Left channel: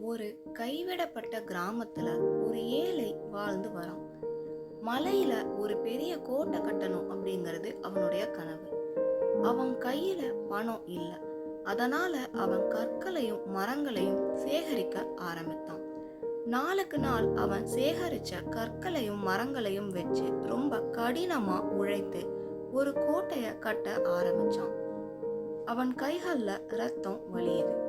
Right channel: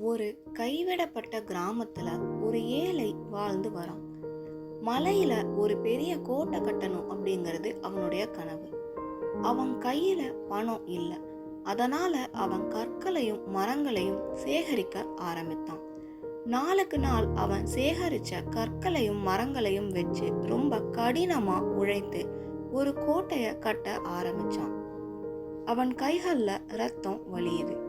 ஒரு கைவிடப்பட்ட கிராமத்துல ஒரு ஏழை வாழ்ந்து வரான். மலையில ஒரு பெரிய கோட்டை கட்டணும் அப்படிங்கிறது அவனுடைய கனவு. அவன் கையில பணம் இல்ல. அதனால அவன் கற்களையும் மரங்களையும் சேகரிக்க ஆரம்பித்தான். நாளுக்கு நாள் அவன் சேகரிச்ச கற்களையும் மரங்களையும் வச்சு ரொம்ப கடினமா உழைத்து ஒரு கோட்டைய கட்ட ஆரம்பிச்சான். அவன் கைகள்ல ரத்தம் வழியுது.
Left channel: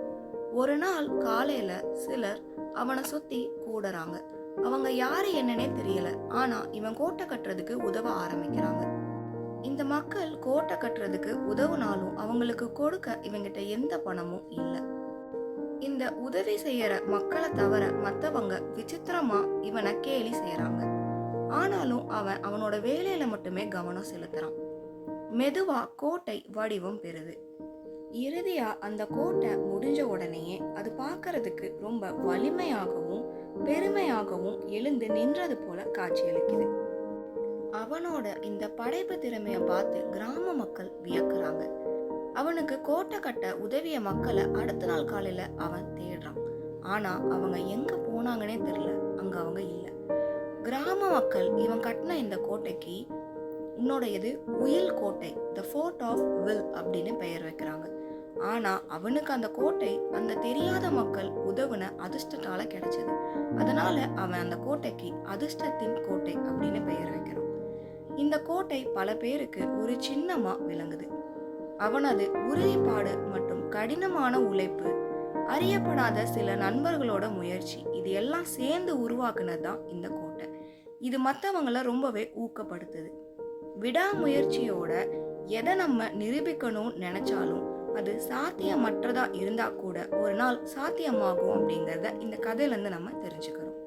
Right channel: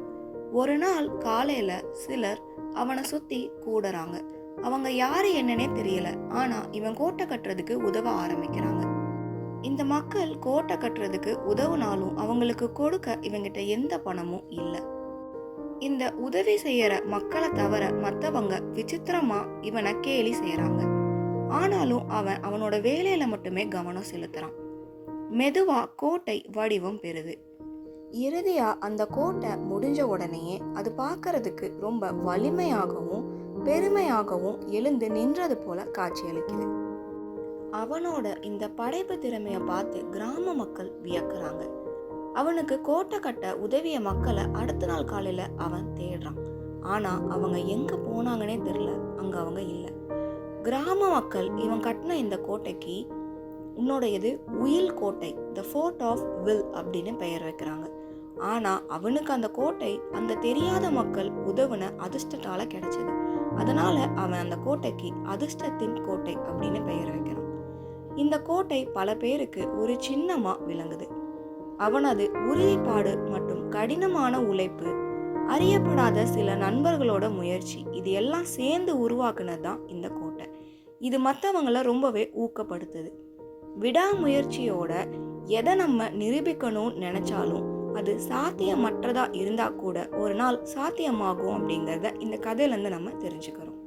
ஒரு நாள் காலையில சிலர் அவனை சுத்தி கூடுறாங்க. அவங்க யாரு என்னன்னே தெரியல. ஆனா இவன் கோட்டை கட்டுறதுக்கு உதவ ஆரம்பிக்கிறாங்க. இந்த மக்கள் கோட்டை கட்டுறதுக்கு உதவுனாலும் அவங்களுக்கு கொடுக்க இவங்கிட்ட எந்த பணமும் இல்லை. இந்த உதவி செய்யற மக்களை தவிர மற்றவங்க விசித்திரமா இவனை கேலி செய்யறாங்க. ஆனாலும் அவன் அவனோட வேலையில மட்டுமே கவனம் செலுத்துறான். மெதுவா கோட்டை வடிவம் பெறுது. இறுதியா அந்த கோட்டை முடிஞ்ச உடனேயே அது பார்க்கறதுக்கு ரொம்ப வலிமையாகவும் பெருமையாகவும் எழுந்து நின்றது போல காட்சியளிக்குது. அவனோட இந்த படைப்பு திறமையை பார்த்து கிராம மக்கள் வியக்குறாங்க. அவனுக்கு கோட்டை கட்ட உதவிய மக்களை அடுத்த நாள் காலையில அவன் தேடுறான். ஆனா அவங்க எங்க போனாங்கன்னே தெரியல. அங்க அவங்க இல்லை. கிராம மக்கள் இவன் கட்டின இந்த கோட்டைக்கு உன்னோடையது உயில் கோட்டை, த ஃபோர்ட் ஆஃப் வில் அப்படின்னு பெயர் வைக்கிறாங்க. ஆனா அவனுக்கு அந்த கோட்டை அந்த தெரியாத மக்கள் உதவுன அதிர்ஷ்டத்தால கிடைச்சது. அதனால அவன் அந்த கோட்டைக்கு அதிர்ஷ்டத்தின் கோட்டை அப்படின்னு பெயர் வைக்கிறான். இந்த கோட்டை பல பேருக்கு ஒரு சின்னமா விளங்குது. அவனது உறுதிப்பாடு மற்றும் கடினமான உழைப்பு, அறியப்படாத சில நண்பர்களோட முயற்சி, இது எல்லாம் சேர்ந்து உருவாக்குனது தான் இந்த கோட்டை. இது மற்றவங்கள ரொம்பவே ஊக்கப்படுத்துது. விடாமுயற்சியோட எதை நம்ம நிரூபிக்கணும்னு நினைச்சாலும் அது சாத்தியமற்றதா இருந்தா கூட ஒரு நாள் சாத்தியமாகும் அப்படிங்கிறத இந்த கதையிலேருந்து நம்ம தெரிஞ்சுக்கிறோம்.